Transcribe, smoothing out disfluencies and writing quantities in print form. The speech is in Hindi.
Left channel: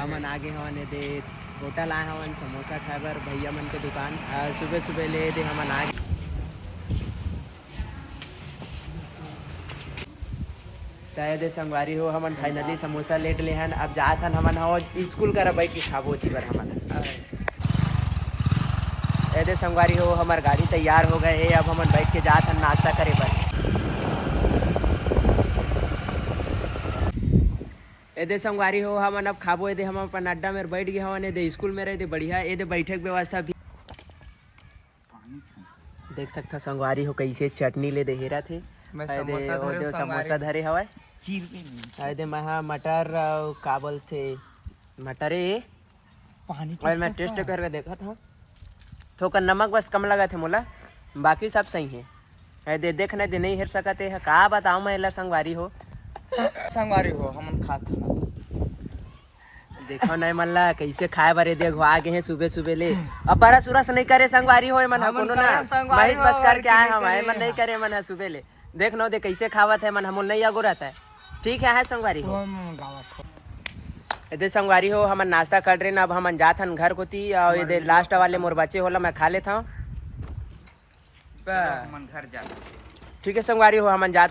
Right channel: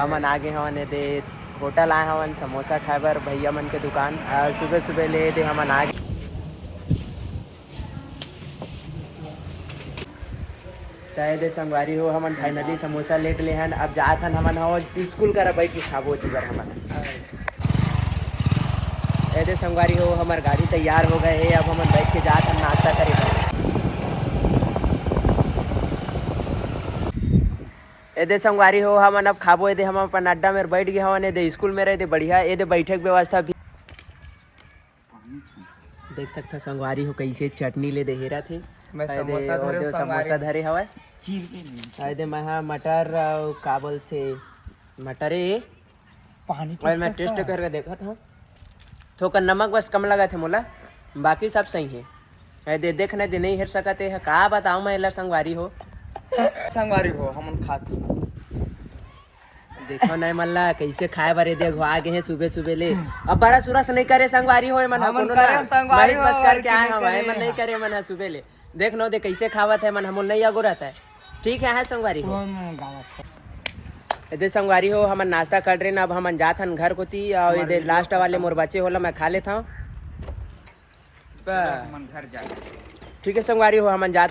हमन आगे हवन दे होटल आए हवन समोसा खाए बर भैया मन के दुकान सुबह सुबह ले दे हमन आगे तय दे संगवारी हो हमन फाइनली समोसा लेट ले हन अब जात हन हमन हो स्कूल कर बैठ के खाबो ती बर हमन दे संगवारी हो हमार गाड़ी तैयार हो गए है अब हमन बैठ के जात हन नाश्ता करे बर दे संगवारी हो हमन अब खाबो दे हम अपन अड्डा में बैठ गए हवन दे स्कूल में रहे दे बढ़िया दे बैठक व्यवस्था भी देख सकता संगवारी हो कैसे चटनी ले दे हेरा थे समोसा धरे हवा चीर दे मैं मटर का बोलते मटर पानी और मैं टेस्ट करके देखा था थोड़ा नमक बस कम लगा थे मोला बाकी सब सही है दे देखना दे नहीं हेर सकते है का बताऊं मैं ला संगवारी हो हमन खात देखो नहीं मल्ला कैसे खाए बारे दे आगे हैं सुबह सुबह ले अब बरस उरस नहीं करे संगवारी हो मन संगवारी बस करके आए हम मन नहीं करे मन सुबह ले देख नो दे कैसे खावत है मन हम नहीं अगो रहता है ठीक है संगवारी हो दे संगवारी हो हमन नाश्ता कर रहे ना अब हमन जात हन घर कोती और ये लास्ट वाले मोर बच्चे होला मैं खा लेता हूँ ठीक है संगवारी हो हमन जात